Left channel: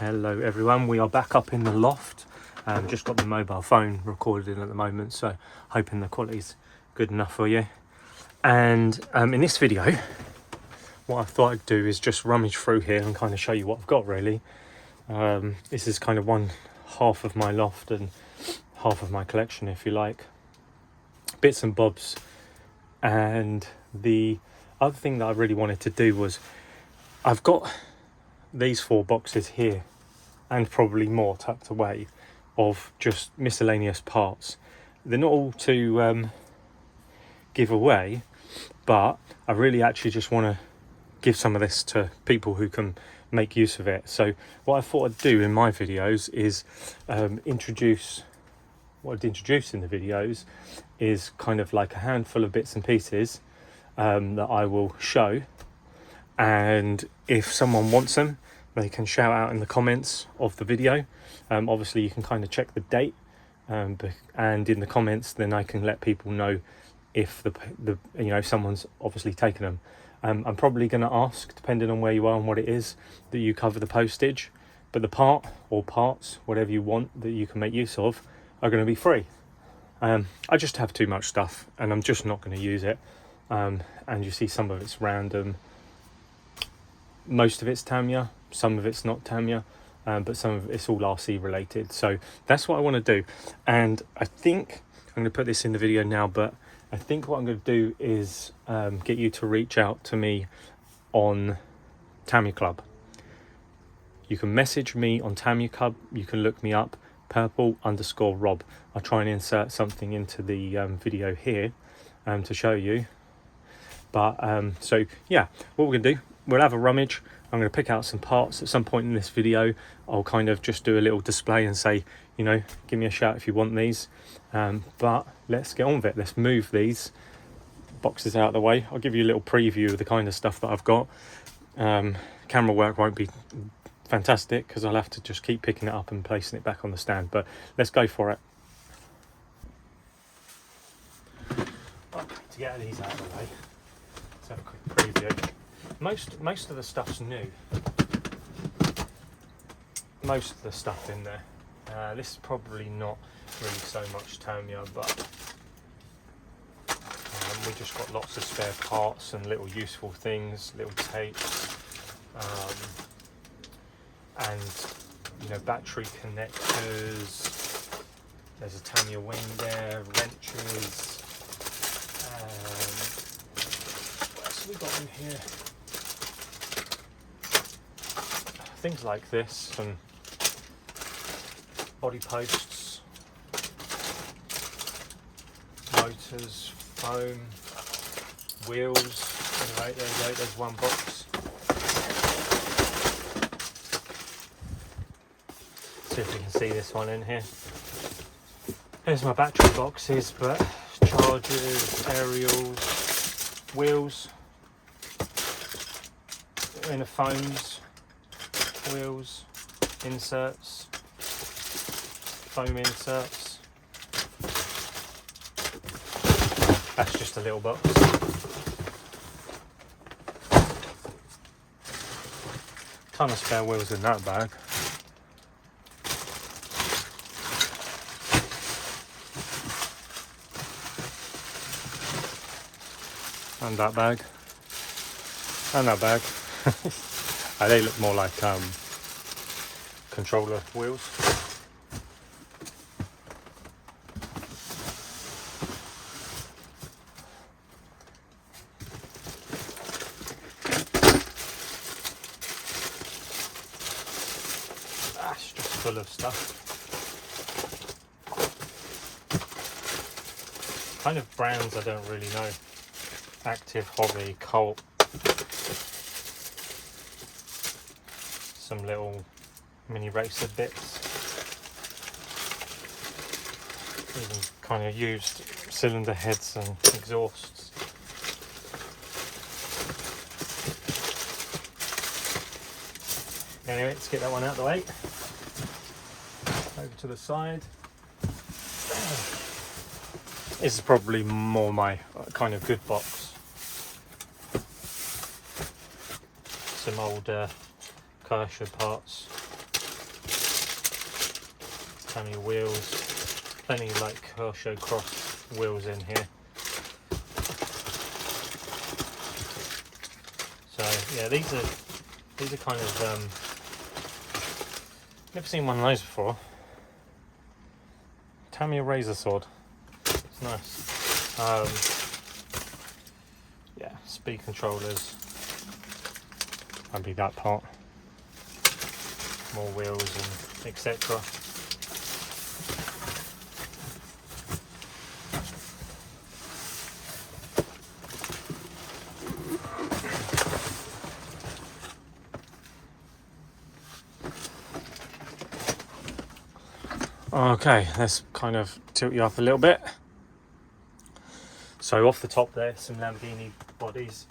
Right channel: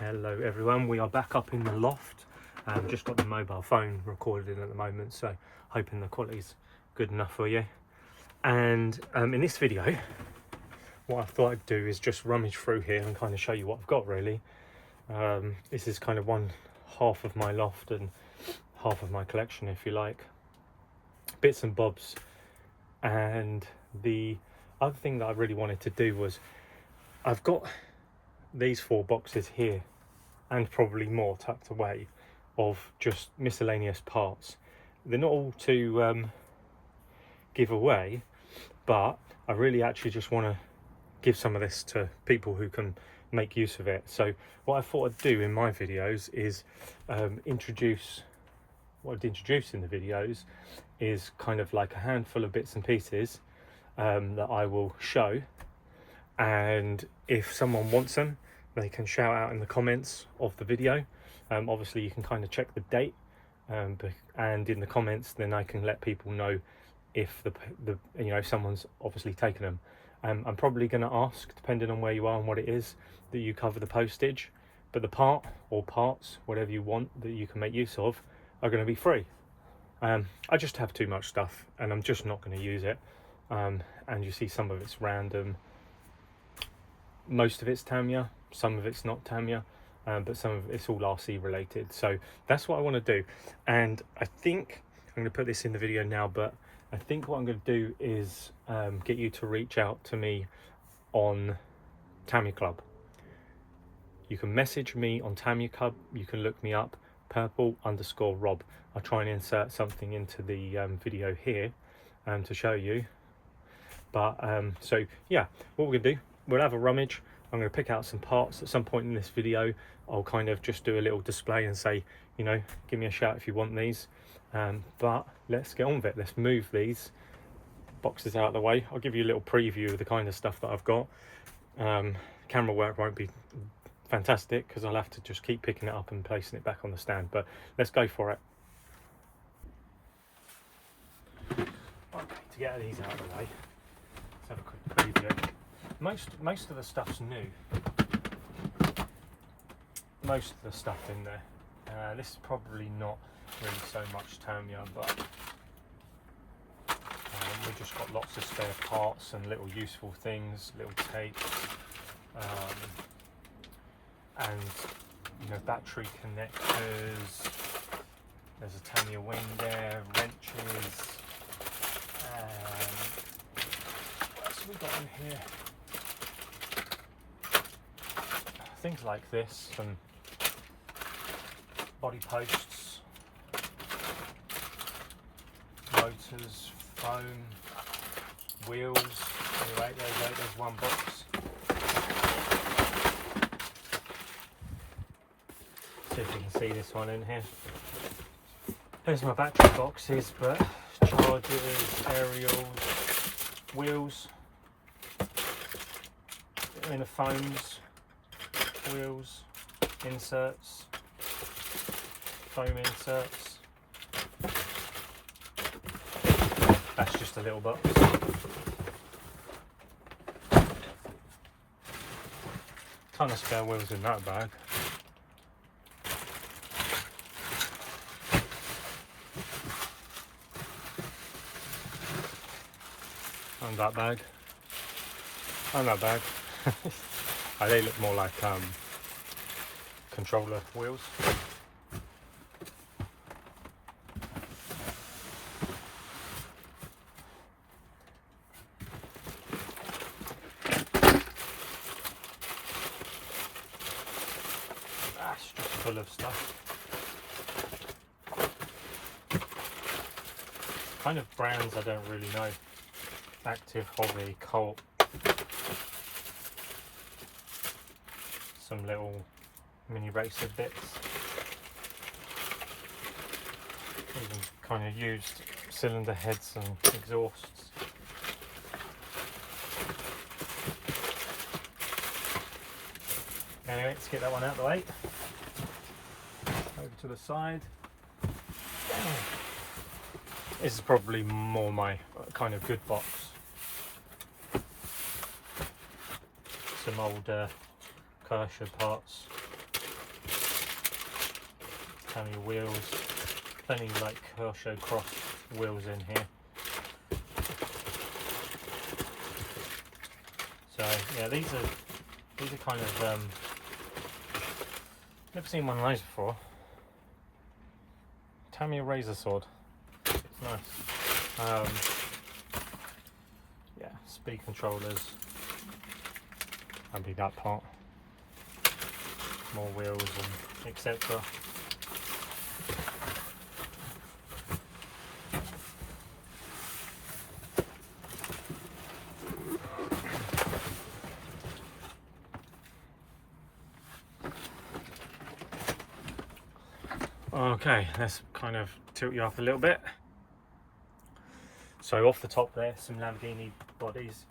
Hello everyone, we are back up in the loft. Just got the mobile phone recorded in at the moment, so hoping the quality's good enough for you. And in this video, what I thought I'd do is just rummage through here and kind of show you what I've got really. This is kind of one half of my loft and half of my collection, if you like. Bits and bobs. And the other thing that I really wanted to do was, I've got these 4 boxes here and probably more tucked away of just miscellaneous parts. They're not all to give away, but I really actually just want to give some of this to people who can make use of it. So what I thought I'd do in my videos is introduce what I'd introduce in the videos is kind of like a handful of bits and pieces that I will show, and if someone wants them, they can shout out in the comments of the video. Obviously you can kind of check the date, and in the comments then I can let people know if the someone's obviously taken them. I'm probably going to ask, depending on where you are and what it is, that you cover the postage, but the part or parts, whatever you want that you can make use of, are going to be free. I just have too much stuff and I'm just not going to use it, and you see some of it's random. Most of it's Tamiya, some of it's not Tamiya, but some of it's all RC related. So that's what I want to do, and I think I'm going to put this in the video now, but I think what I'm going to do is get you to reach out to me on Tamiya Club. You can message me on Tamiya Club, you can look me up, purple_Rob. I'll try and insert something into the video here to show you. But so yeah, what we're going to do, we'll have a rummage. I'm going to pick out some parts at some point in this video. I'll kind of just do a little display and say, you know, give me a shout if you want these. But let's get on with it. Let's move these boxes out of the way. I'll give you a little preview of the kind of stuff that I've got. Camera work won't be fantastic because I'll have to just keep picking it up and placing it back on the stand, but let's go for it. Okay, to get these out of the way, let's have a quick preview. Most of the stuff's new. Most of the stuff in there. This is probably not really so much Tamiya, but we just got lots of spare parts and little useful things, little tapes, and battery connectors. There's a Tamiya wing there, wrenches. What else have we got in here? Things like this, some body posts, motors, foam, wheels. Alright, there you go, there's one box. See if you can see this one in here. There's my battery boxes, but chargers, aerials, wheels, inner foams, wheels, inserts, foam inserts. That's just a little box. Ton of spare wheels in that bag. And that bag. And that bag. They look more like controller wheels. That's just full of stuff. Kind of brands I don't really know. Active, Hobby, Colt. Some little mini racer bits. Even kind of used cylinder heads and exhausts. Anyway, let's get that one out of the way. Over to the side. This is probably more my kind of good box. Some old Kyosho parts. Tamiya wheels, plenty of like Kyosho cross wheels in here. So yeah, these are kind of never seen one of those before. Tamiya razor sword. It's nice. Yeah, speed controllers. Won't be that part. More wheels and etc. Okay, let's kind of tilt you up a little bit. So off the top there, some Lamborghini bodies.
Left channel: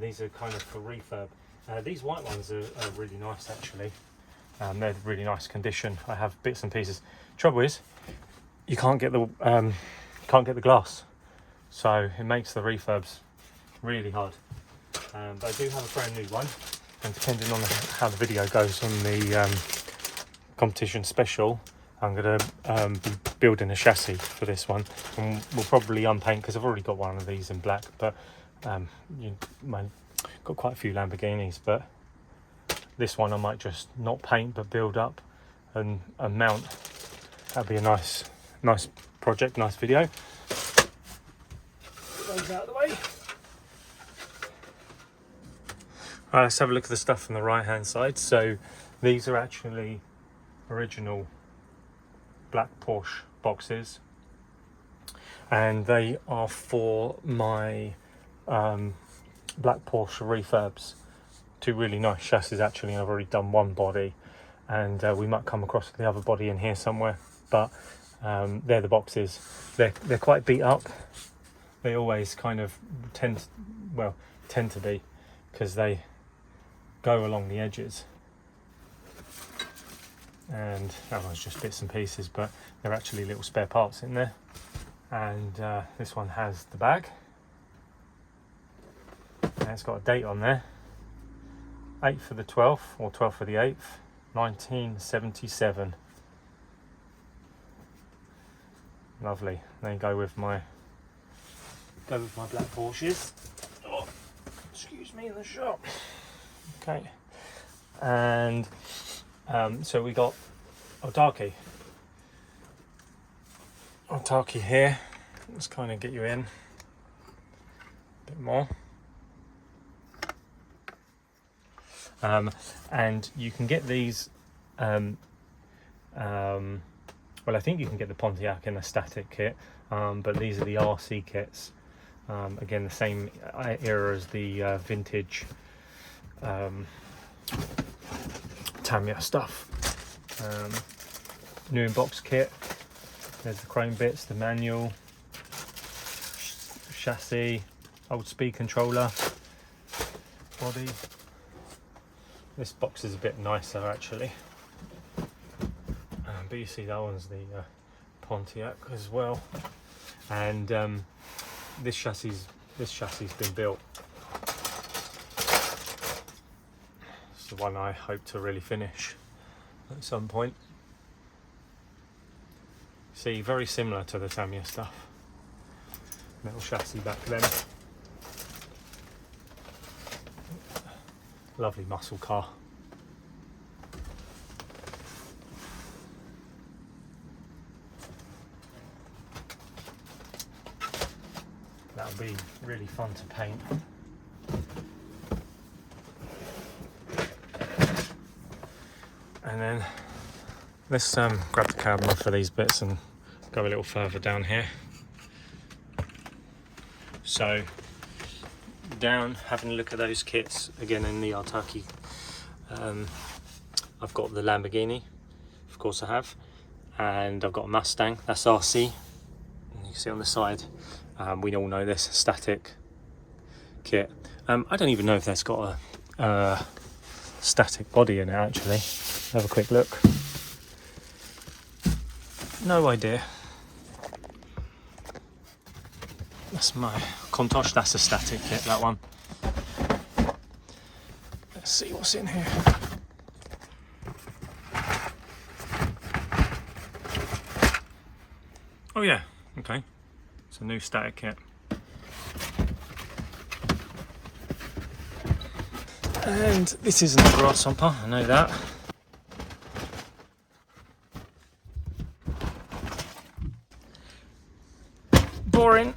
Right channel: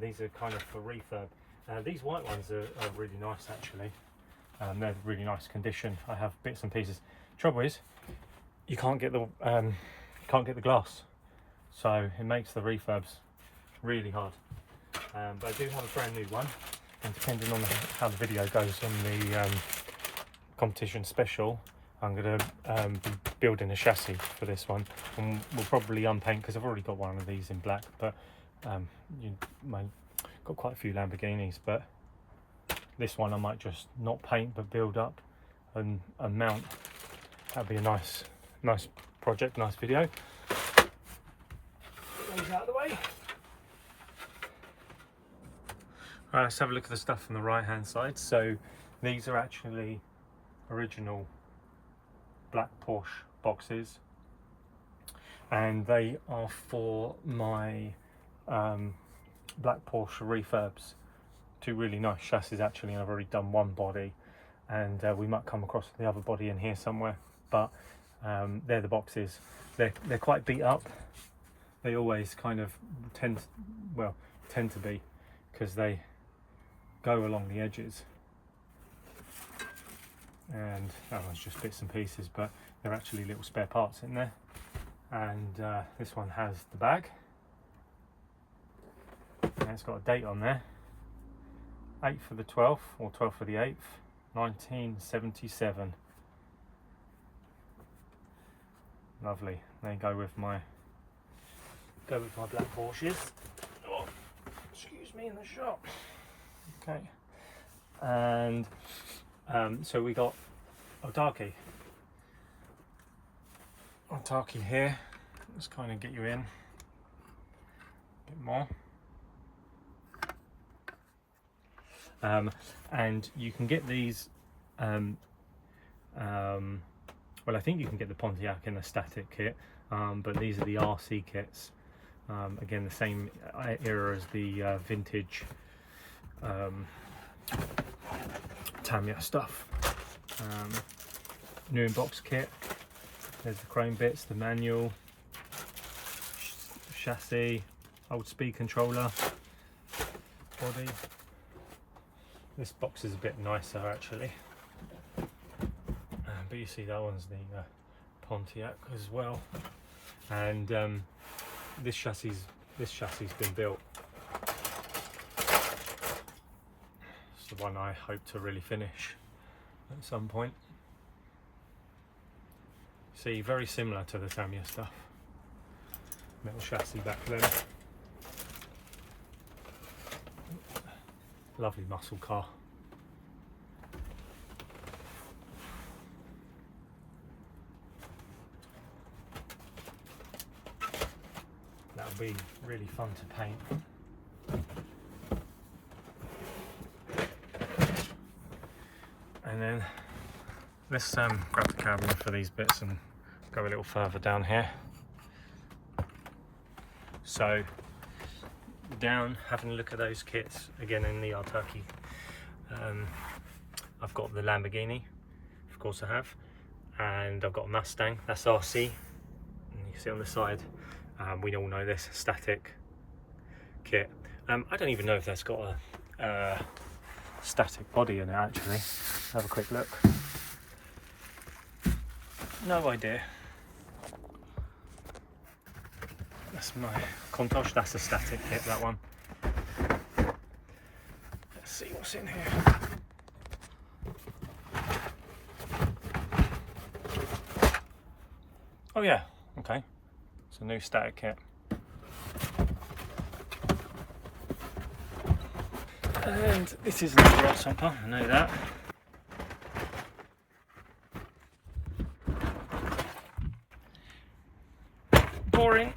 These are kind of for refurb. These white ones are really nice actually. They're really nice condition. I have bits and pieces. Trouble is, you can't get the glass, so it makes the refurbs really hard. But I do have a brand new one, and depending on how the video goes on the competition special, I'm going to be building a chassis for this one, and we'll probably unpaint because I've already got one of these in black. But got quite a few Lamborghinis, but this one I might just not paint but build up and mount. That'd be a nice project, nice video. Get those out of the way. Right, let's have a look at the stuff on the right hand side. So these are actually original black Porsche boxes, and they are for my black Porsche refurbs. Two really nice chassis actually. I've already done one body, and we might come across the other body in here somewhere, but they're the boxes. They're quite beat up. They always kind of tend to be, because they go along the edges, and that was just bits and pieces, but they're actually little spare parts in there. And this one has the bag, and it's got a date on there, 8th for the 12th or 12th for the 8th, 1977. Lovely. They go with my black Porsches. Oh, excuse me in the shop. Okay, and so we got Otaki here. Let's kind of get you in a bit more. And you can get these, well, I think you can get the Pontiac in a static kit, but these are the RC kits. Again, the same era as the vintage Tamiya stuff. New in box kit. There's the chrome bits, the manual, chassis, old speed controller, body. This box is a bit nicer actually, but you see that one's the Pontiac as well. And this chassis been built. It's the one I hope to really finish at some point. See, very similar to the Tamiya stuff. Metal chassis back then. Lovely muscle car. That'll be really fun to paint. And then let's grab the camera for these bits and go a little further down here. So down, having a look at those kits again in the Otaki. I've got the Lamborghini, of course I have, and I've got a Mustang, that's RC. And you can see on the side, we all know this, static kit. I don't even know if that's got a static body in it actually. Have a quick look. No idea. That's my Contosh, that's a static kit, that one. Let's see what's in here. Oh yeah, okay. It's a new static kit. And this isn't a grasshopper, I know that. Boring.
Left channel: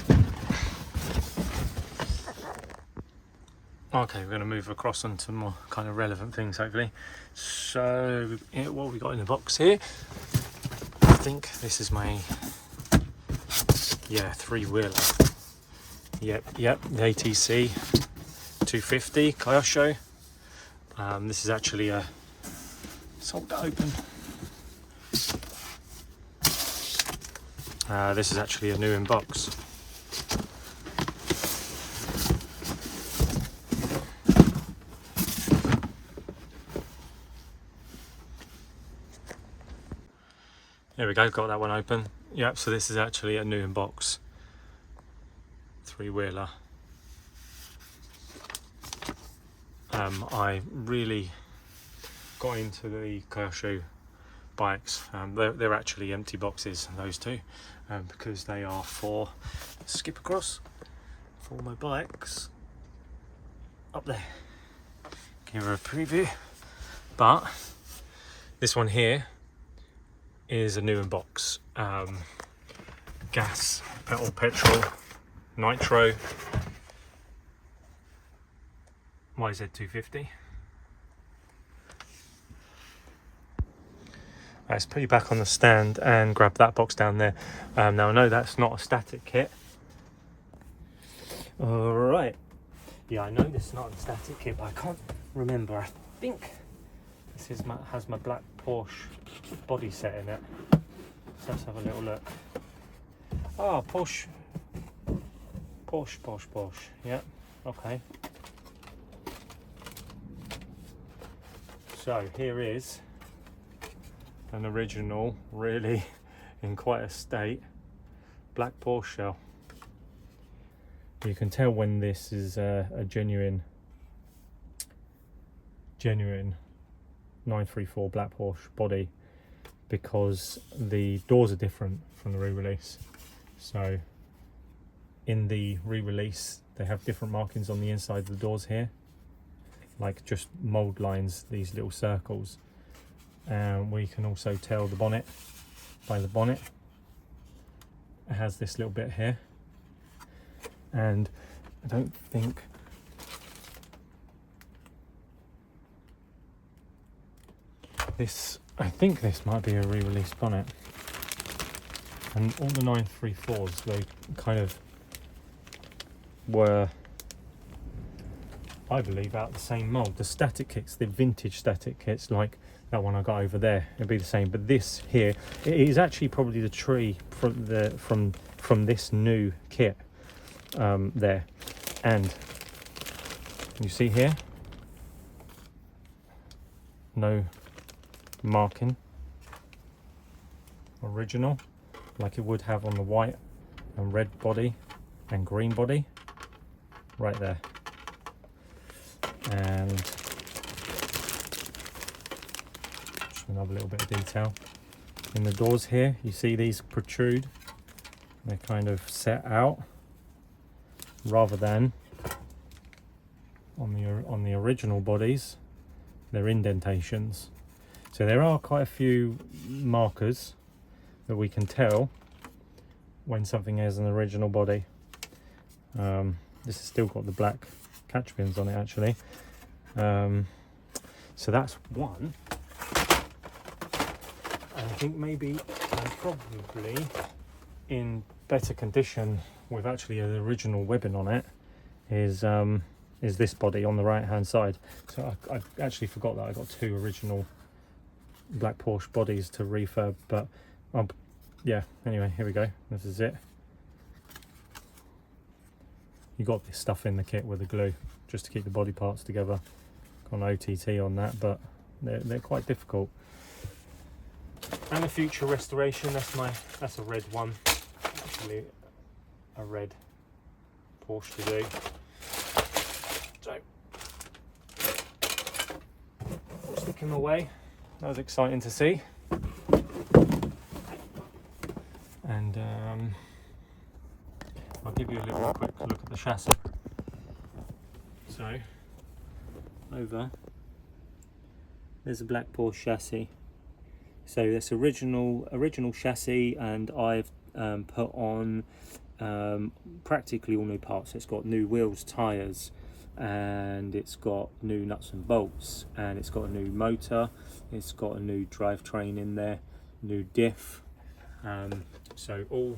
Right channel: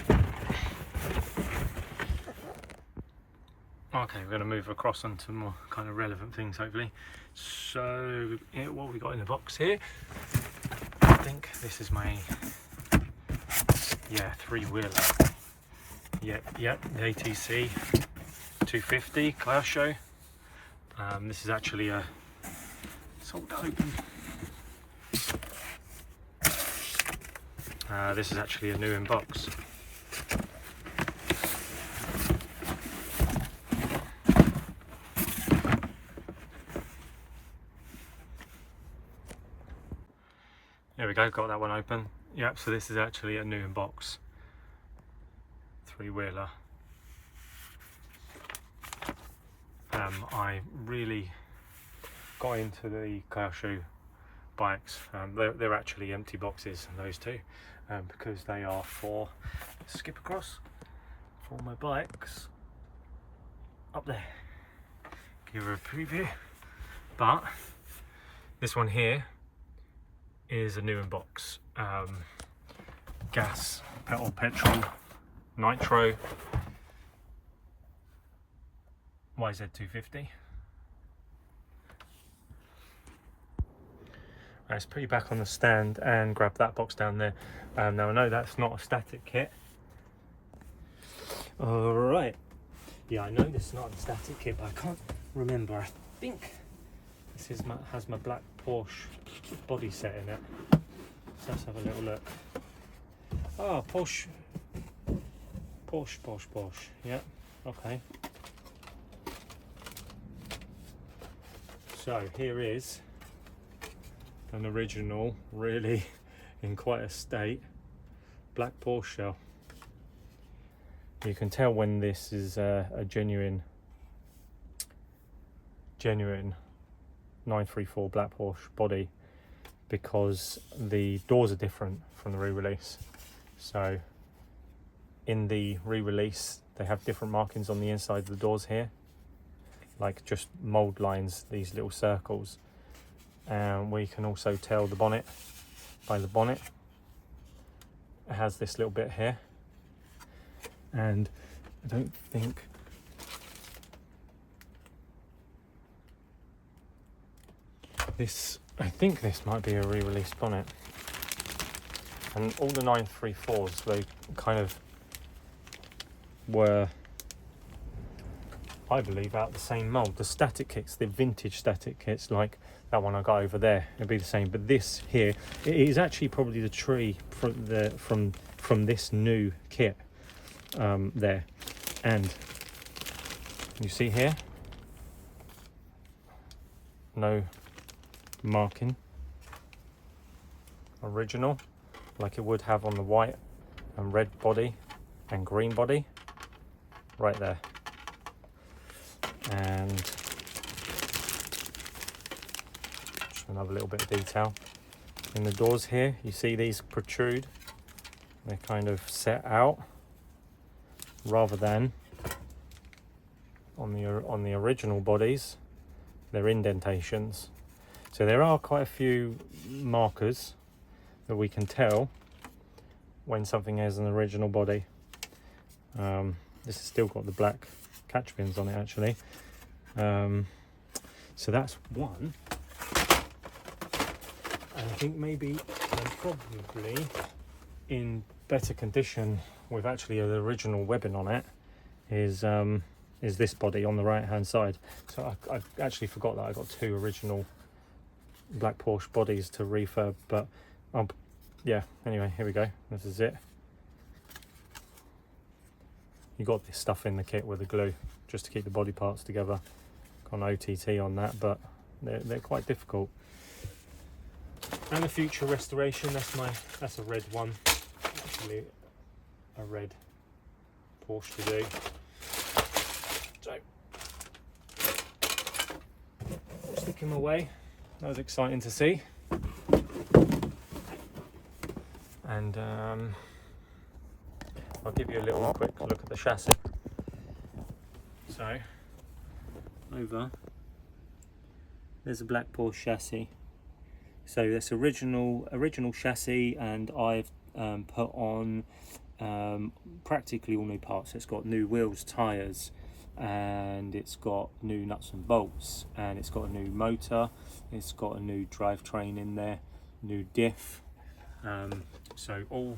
Okay, we're going to move across onto more kind of relevant things, hopefully. So, yeah, what have we got in the box here? I think this is my, yeah, three-wheeler. Yep, the ATC 250 Kyosho. This is actually a, sold it open. This is actually a new in box. There we go, got that one open. Yep, so this is actually a new in box three-wheeler. I really got into the Kyosho bikes. They're actually empty boxes, those two, because they are for, skip across, for my bikes up there. Give her a preview. But this one here is a new in box. Gas, petrol, nitro, YZ250. Let's put you back on the stand and grab that box down there. Now I know that's not a static kit. Alright. Yeah, I know this is not a static kit, but I can't remember. I think this is has my black Porsche body set in it. So let's have a little look. Ah, Porsche. Yeah, okay. So here is an original, really in quite a state, black Porsche shell. You can tell when this is a genuine 934 black Porsche body, because the doors are different from the re-release. So in the re-release they have different markings on the inside of the doors here, like just mold lines, these little circles. We can also tell the bonnet by the bonnet. It has this little bit here, and I don't think this, I think this might be a re-released bonnet. And all the 934s, they kind of were, I believe, out the same mold. The static kits, the vintage static kits, like that one I got over there, it'll be the same. But this here, it is actually probably the tree from this new kit there. And you see here, no marking, original, like it would have on the white and red body and green body, right there. And just another little bit of detail in the doors here. You see these protrude, they're kind of set out, rather than on the original bodies they're indentations. So there are quite a few markers that we can tell when something has an original body. This has still got the black catch pins on it actually. So that's one. And I think maybe I'm probably in better condition with actually an original webbing on it is this body on the right hand side. So I actually forgot that I got two original black Porsche bodies to refurb, but yeah, anyway, here we go. This is it. You got this stuff in the kit with the glue just to keep the body parts together. Got an OTT on that, but they're quite difficult. And a future restoration, that's a red one, actually a red Porsche to do. So stick him away. That was exciting to see. And and I'll give you a little quick look at the chassis. So over there's a black Porsche chassis. So this original chassis, and I've put on practically all new parts. It's got new wheels, tyres, and it's got new nuts and bolts, and it's got a new motor, it's got a new drivetrain in there, new diff. So all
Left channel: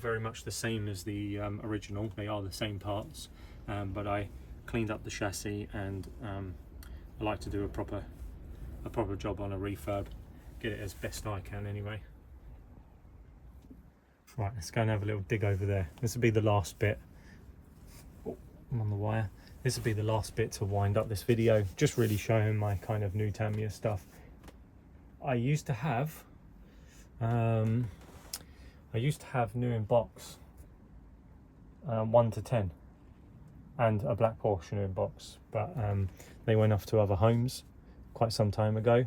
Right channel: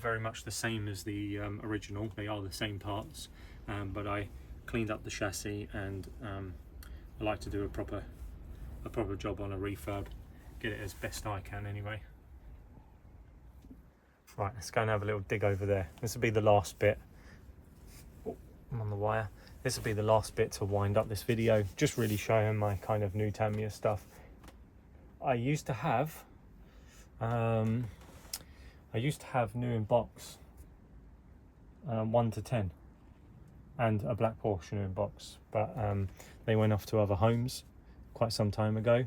very much the same as the original. They are the same parts, but I cleaned up the chassis, and I like to do a proper job on a refurb, get it as best I can anyway. Right, let's go and have a little dig over there. This will be the last bit. Oh, I'm on the wire. This will be the last bit to wind up this video, just really showing my kind of new Tamiya stuff. I used to have new in box 1 to 10, and a black Porsche new in box, but they went off to other homes quite some time ago,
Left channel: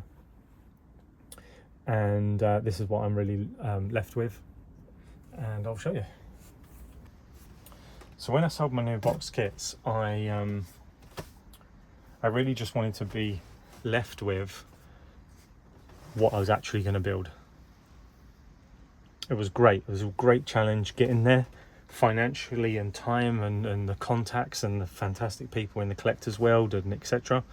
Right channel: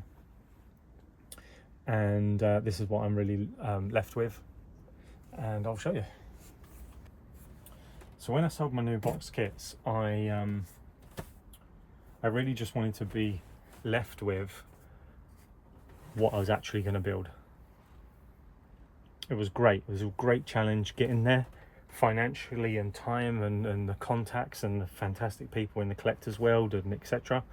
and this is what I'm really left with, and I'll show you. So when I sold my new box kits, I really just wanted to be left with what I was actually going to build. It was great. It was a great challenge getting there, financially and time, and the contacts and the fantastic people in the collector's world, and etc.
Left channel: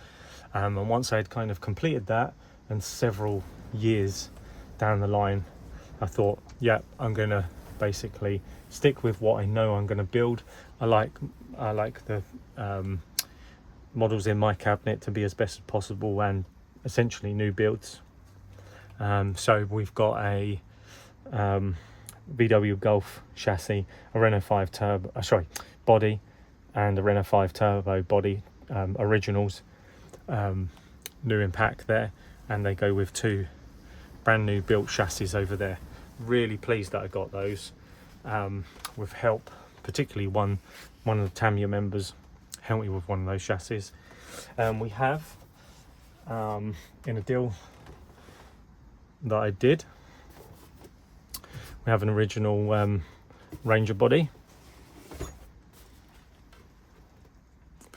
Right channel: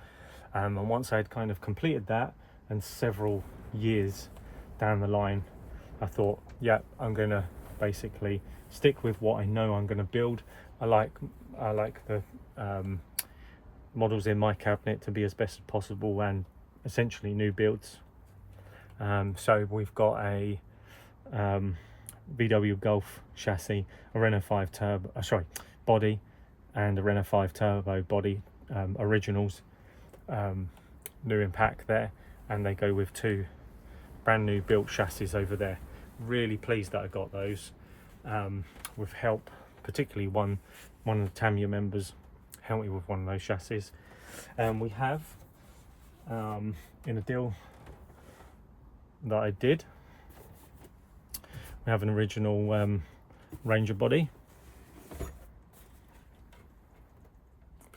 And once I had kind of completed that, and several years down the line, I thought, yeah, I'm going to basically stick with what I know I'm going to build. I like the models in my cabinet to be as best as possible, and essentially new builds. So we've got a VW Golf chassis, a Renault 5 turbo, body, and a Renault 5 turbo body, originals, new in pack there, and they go with 2 brand new built chassis over there. Really pleased that I got those, with help, particularly one of the Tamiya members helped me with one of those chassis. We have in a deal that I did, we have an original Ranger body,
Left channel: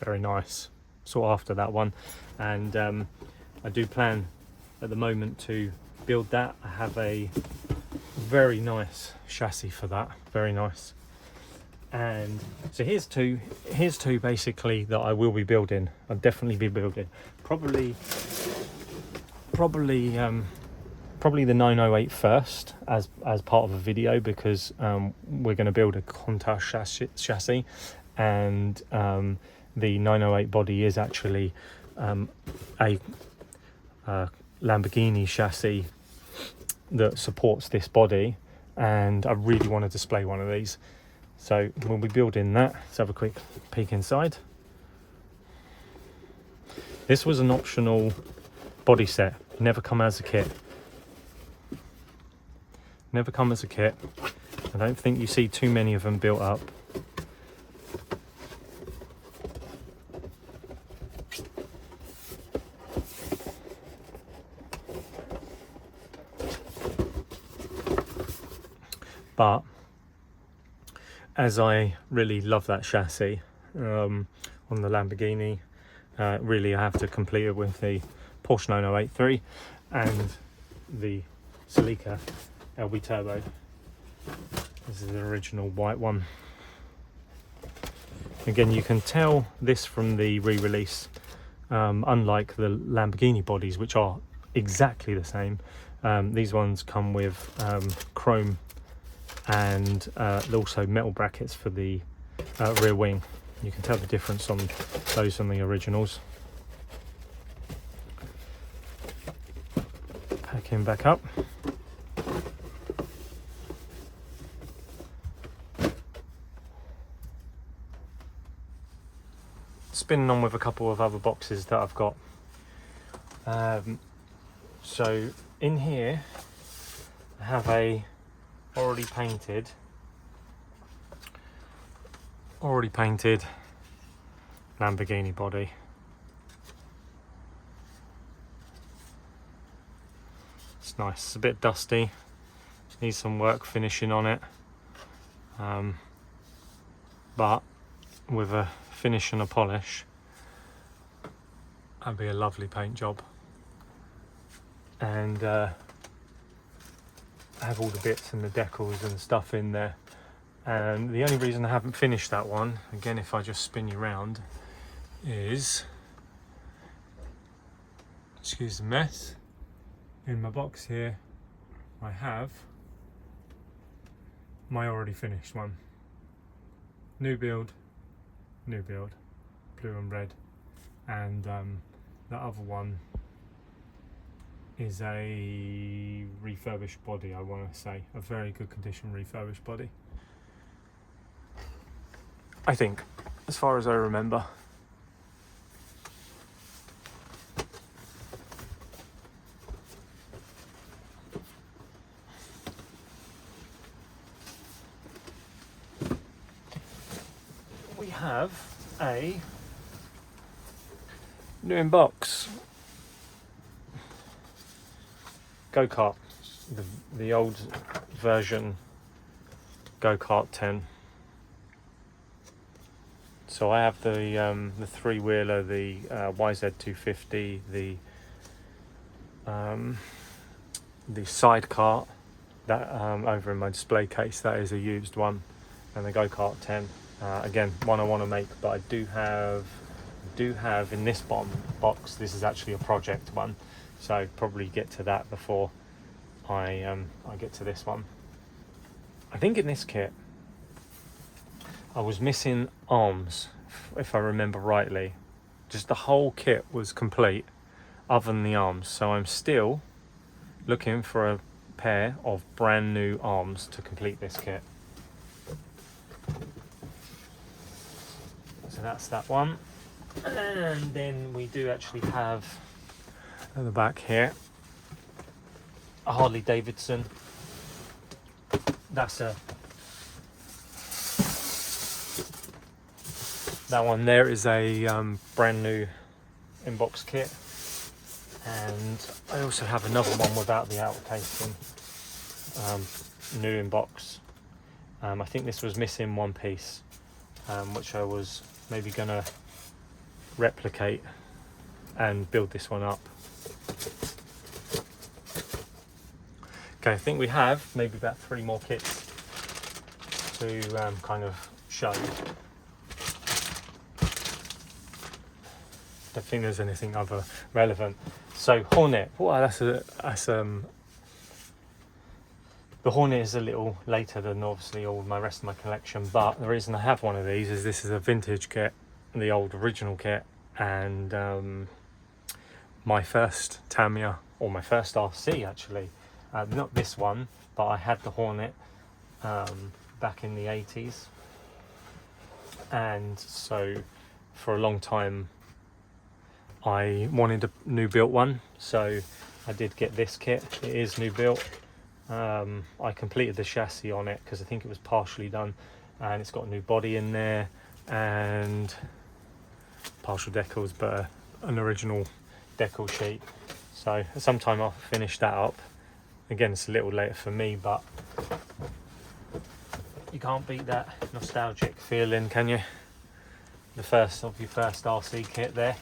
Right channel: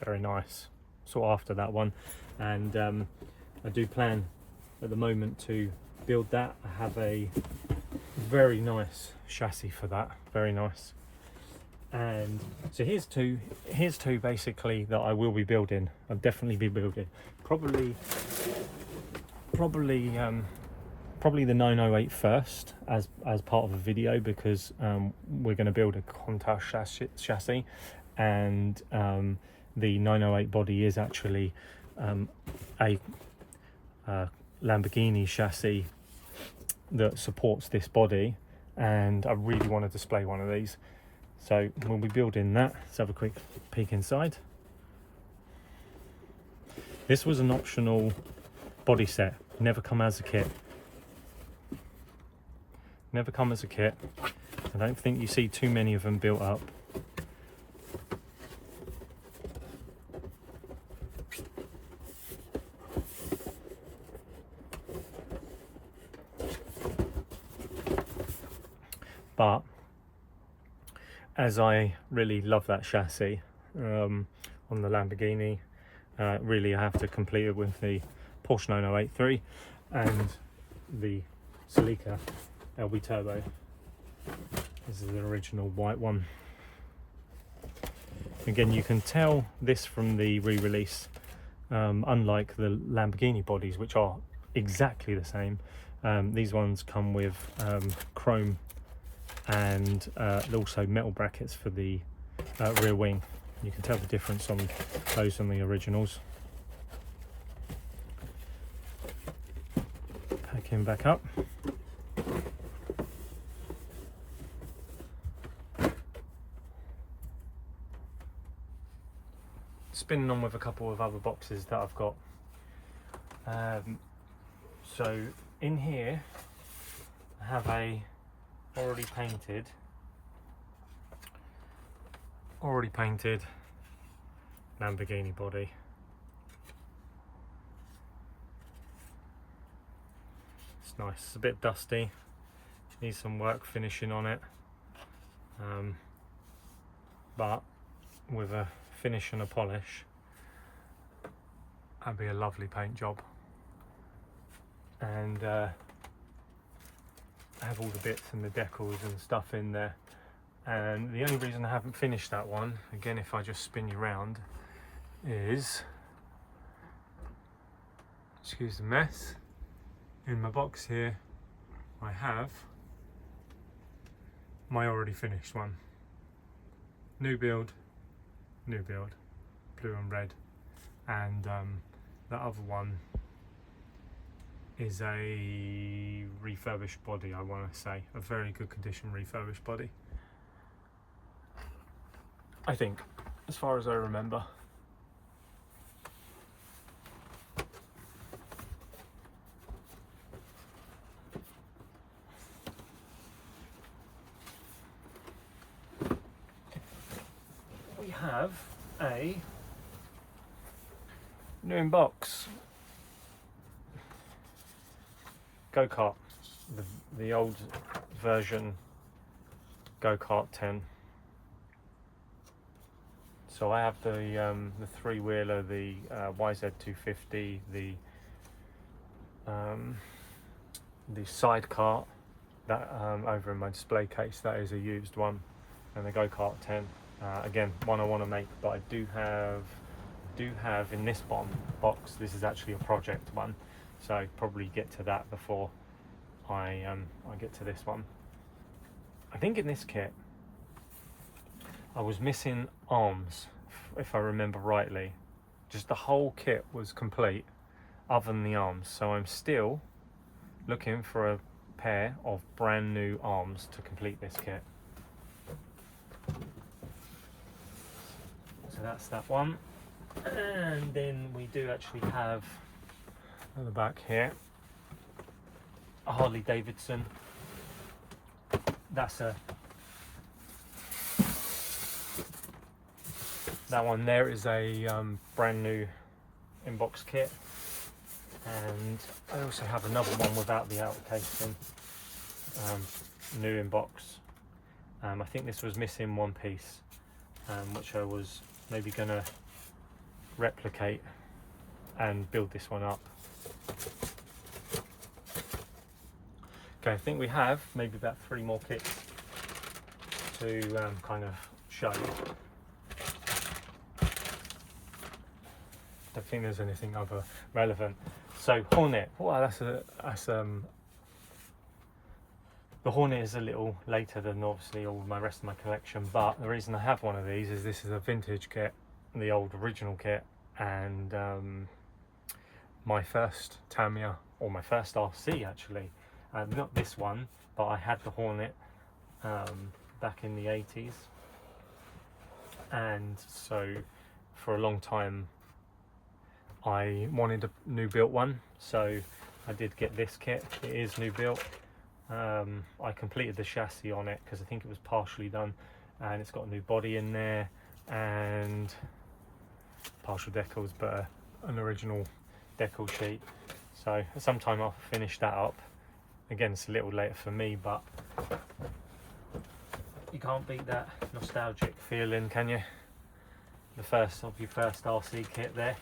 very nice, sought after that one, and I do plan at the moment to build that. I have a very nice chassis for that, very nice. And so here's two basically that I will be building. I'll definitely be building probably the 908 first as part of a video, because we're going to build a Countach chassis, and the 908 body is actually a Lamborghini chassis that supports this body, and I really want to display one of these. So we'll be building that. Let's have a quick peek inside. This was an optional body set, never come as a kit. Never come as a kit. I don't think you see too many of them built up. But as I really love that chassis on the Lamborghini, really I have to complete it with the Porsche 9083 and the Celica LB Turbo. This is the original white one. Again, you can tell this from the re-release, unlike the Lamborghini bodies, which are exactly the same. These ones come with chrome and also metal brackets for the rear wing. You can tell the difference on those and the originals. Packing back up. Spinning on with a couple of other boxes that I've got. So in here I have a already painted Lamborghini body. It's nice, it's a bit dusty, needs some work finishing on it, but with a finish and a polish, that'd be a lovely paint job. And have all the bits and the decals and stuff in there. And the only reason I haven't finished that one, again, if I just spin you around, is, excuse the mess, in my box here I have my already finished one. New build, blue and red. And the other one is a refurbished body, I want to say. A very good condition refurbished body, I think, as far as I remember. We have a new in box go-kart, the old version go-kart 10. So I have the three-wheeler, the YZ250, the sidecar that over in my display case, that is a used one, and the go-kart 10. Again, one I want to make, but I do have in this box. This is actually a project one, so probably get to that before I get to this one. I think in this kit I was missing arms, if I remember rightly. Just the whole kit was complete other than the arms, so I'm still looking for a pair of brand new arms to complete this kit. So that's that one. And then we do actually have at the back here a Harley Davidson. That one there is a brand new inbox kit, and I also have another one without the outer casing, new inbox. I think this was missing one piece, which I was maybe gonna replicate and build this one up. Okay, I think we have maybe about 3 more kits to kind of show. Don't think there's anything other relevant. So Hornet, the Hornet is a little later than obviously all my rest of my collection, but the reason I have one of these is this is a vintage kit, the old original kit, and my first Tamiya, or my first RC actually, not this one, but I had the Hornet back in the 80s, and so for a long time I wanted a new built one, so I did get this kit. It is new built. I completed the chassis on it because I think it was partially done, and it's got a new body in there and partial decals, but an original decal sheet. So sometime I'll finish that up. Again, it's a little later for me, but you can't beat that nostalgic feeling, can you? The first of your first RC kit there.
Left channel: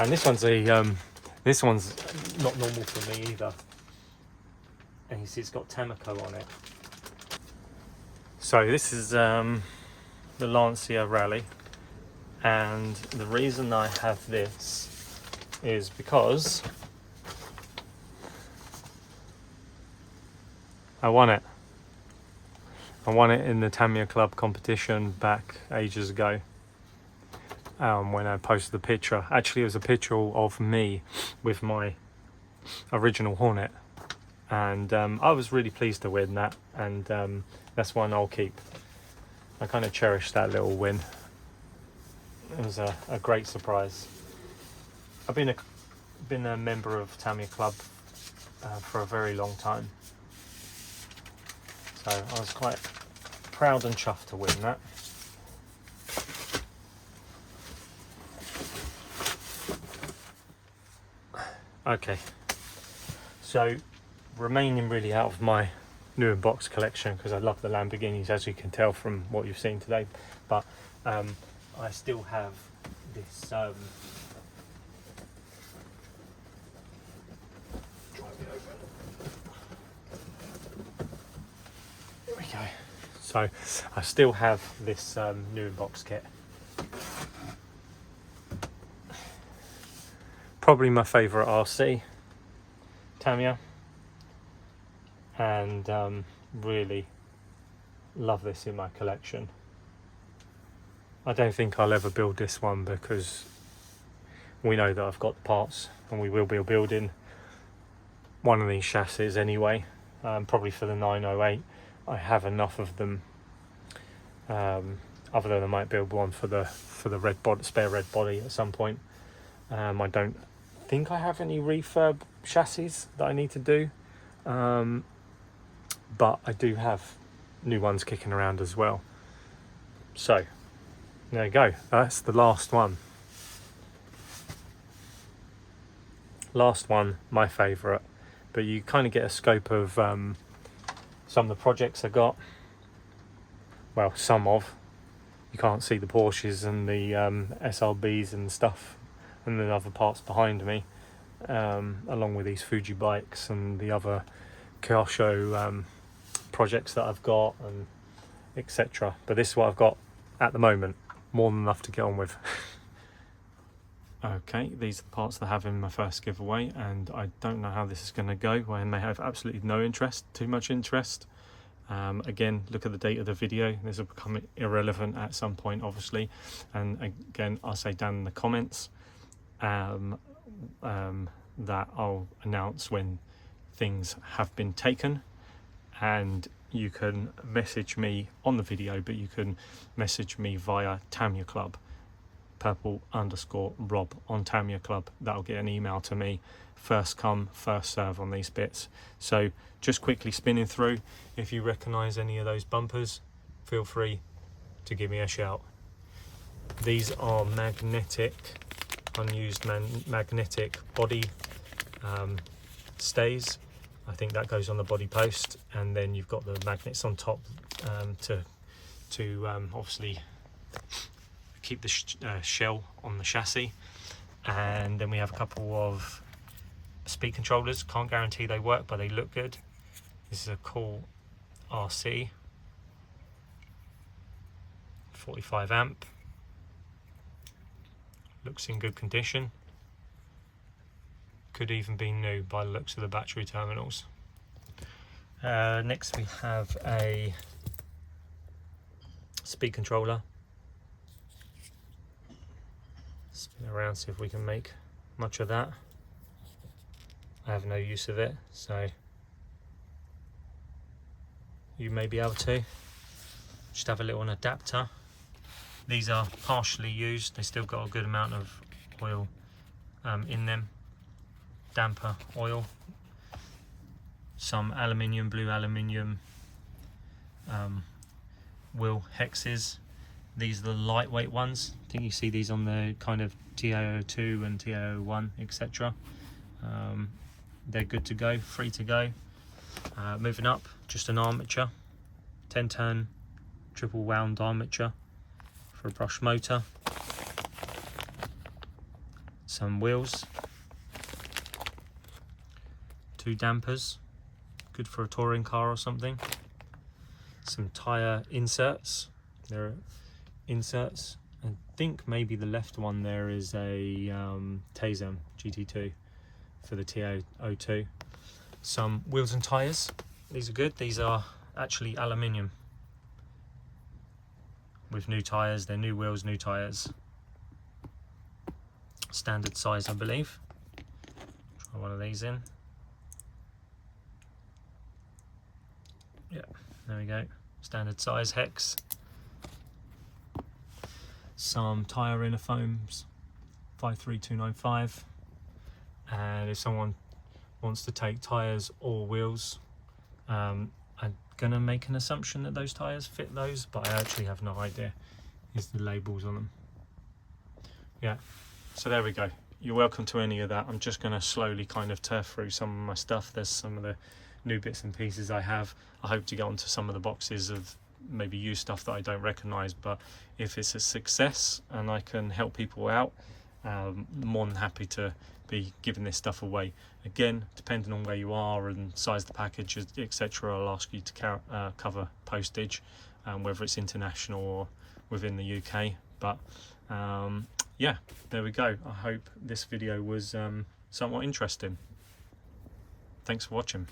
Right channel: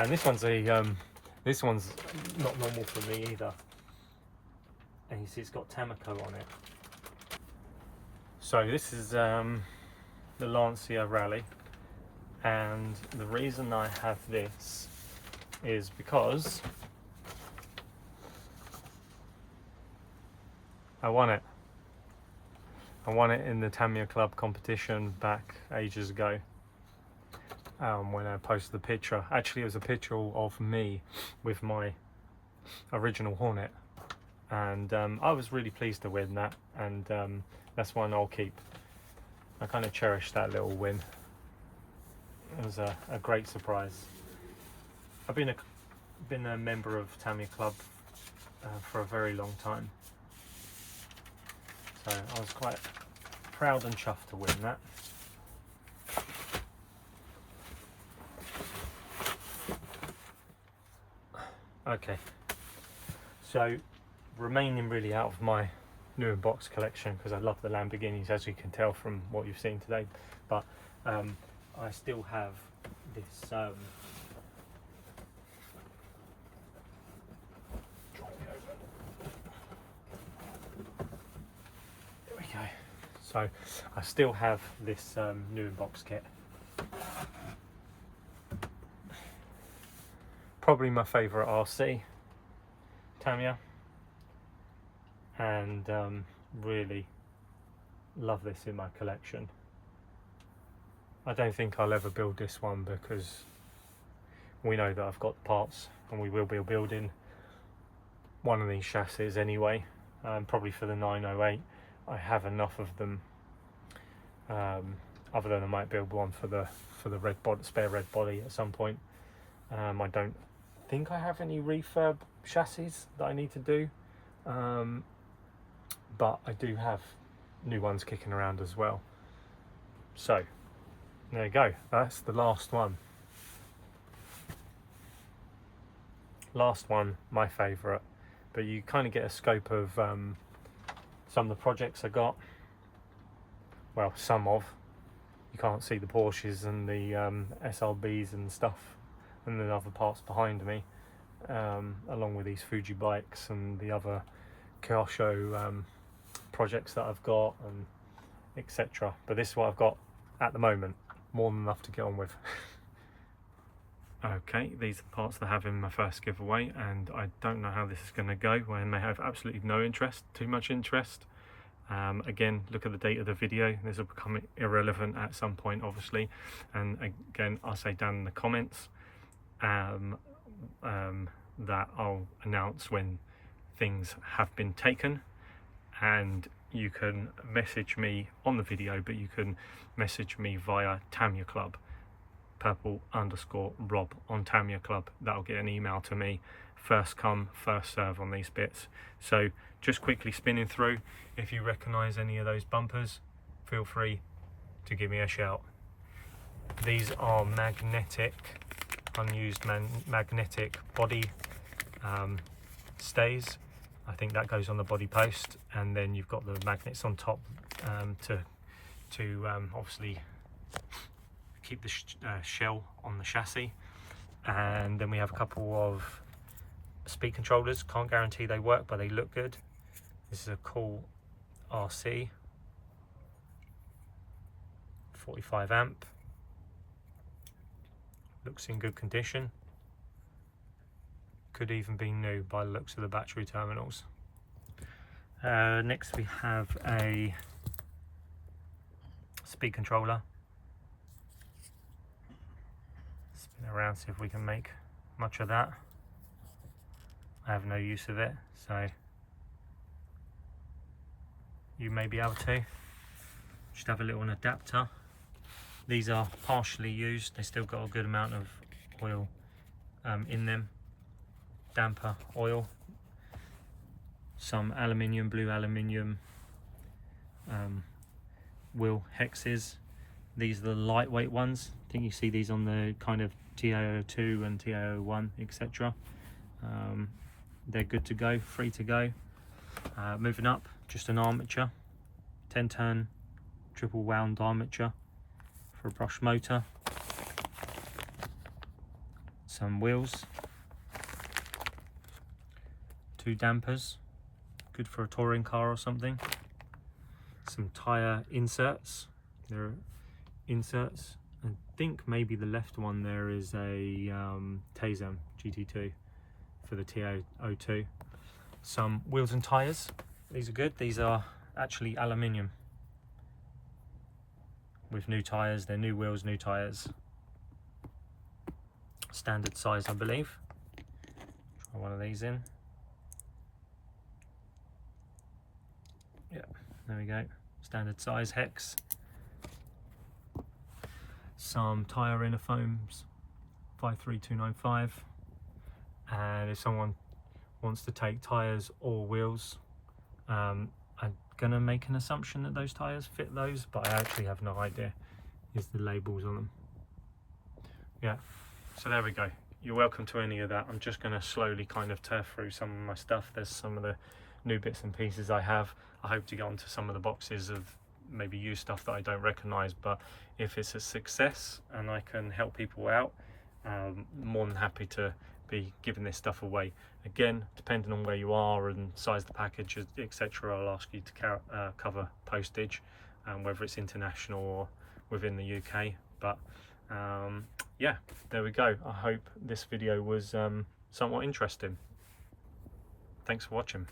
And this one's not normal for me either. And you see it's got Tamiya on it. So this is the Lancia Rally, and the reason I have this is because I won it. I won it in the Tamiya Club competition back ages ago. When I posted the picture, actually it was a picture of me with my original Hornet, and I was really pleased to win that, and that's one I'll keep. I kind of cherish that little win. It was a great surprise. I've been a member of Tamiya Club for a very long time, so I was quite proud and chuffed to win that. Okay, So remaining really out of my new in box collection, because I love the Lamborghinis, as you can tell from what you've seen today, but I still have this there we go. So I still have this new in box kit. Probably my favourite RC, Tamiya, and really love this in my collection. I don't think I'll ever build this one because we know that I've got the parts and we will be building one of these chassis anyway, probably for the 908. I have enough of them, other than I might build one for the red body, spare red body at some point. I don't think I have any refurb chassis that I need to do, but I do have new ones kicking around as well. So there you go, that's the last one. Last one, my favourite, but you kind of get a scope of some of the projects I got. Well, some of. You can't see the Porsches and the SRBs and stuff and the other parts behind me, along with these Fuji bikes and the other Kyosho projects that I've got, and etc. But this is what I've got at the moment, more than enough to get on with. Okay, these are the parts that I have in my first giveaway, and I don't know how this is going to go. I may have absolutely no interest, too much interest. Again, look at the date of the video. This will become irrelevant at some point, obviously. And again, I'll say down in the comments that I'll announce when things have been taken, and you can message me on the video, but you can message me via Tamiya Club, purple_Rob on Tamiya Club. That'll get an email to me, first come first serve on these bits. So just quickly spinning through, if you recognize any of those bumpers, feel free to give me a shout. These are magnetic, unused magnetic body stays. I think that goes on the body post, and then you've got the magnets on top to obviously keep the shell on the chassis. And then we have a couple of speed controllers. Can't guarantee they work, but they look good. This is a cool RC, 45 amp, looks in good condition, could even be new by the looks of the battery terminals. Next we have a speed controller. Spin around, see if we can make much of that. I have no use of it, so you may be able to. Just have a little adapter. These are partially used, they still got a good amount of oil in them, damper oil. Some aluminium, blue aluminium wheel hexes. These are the lightweight ones. I think you see these on the kind of TAO2 and TAO1, etc. They're good to go, free to go. Moving up, just an armature, 10-turn triple wound armature for a brush motor. Some wheels, 2 dampers, good for a touring car or something. Some tyre inserts. There are inserts. I think maybe the left one there is a Tazem GT2 for the TO02. Some wheels and tyres. These are good. These are actually aluminium with new tyres. They're new wheels, new tyres. Standard size, I believe. Try one of these in. Yeah, there we go. Standard size hex. Some tyre inner foams, 53295. And if someone wants to take tyres or wheels, I'm gonna make an assumption that those tyres fit those, but I actually have no idea. Here's the labels on them. Yeah, so there we go. you're welcome to any of that. I'm just going to slowly kind of tear through some of my stuff. There's some of the new bits and pieces I have. I hope to get onto some of the boxes of maybe used stuff that I don't recognize, but if it's a success and I can help people out, more than happy to be giving this stuff away. Again, depending on where you are and size the package, etc., I'll ask you to cover postage, whether it's international or within the UK. But yeah, there we go. I hope this video was somewhat interesting. Thanks for watching.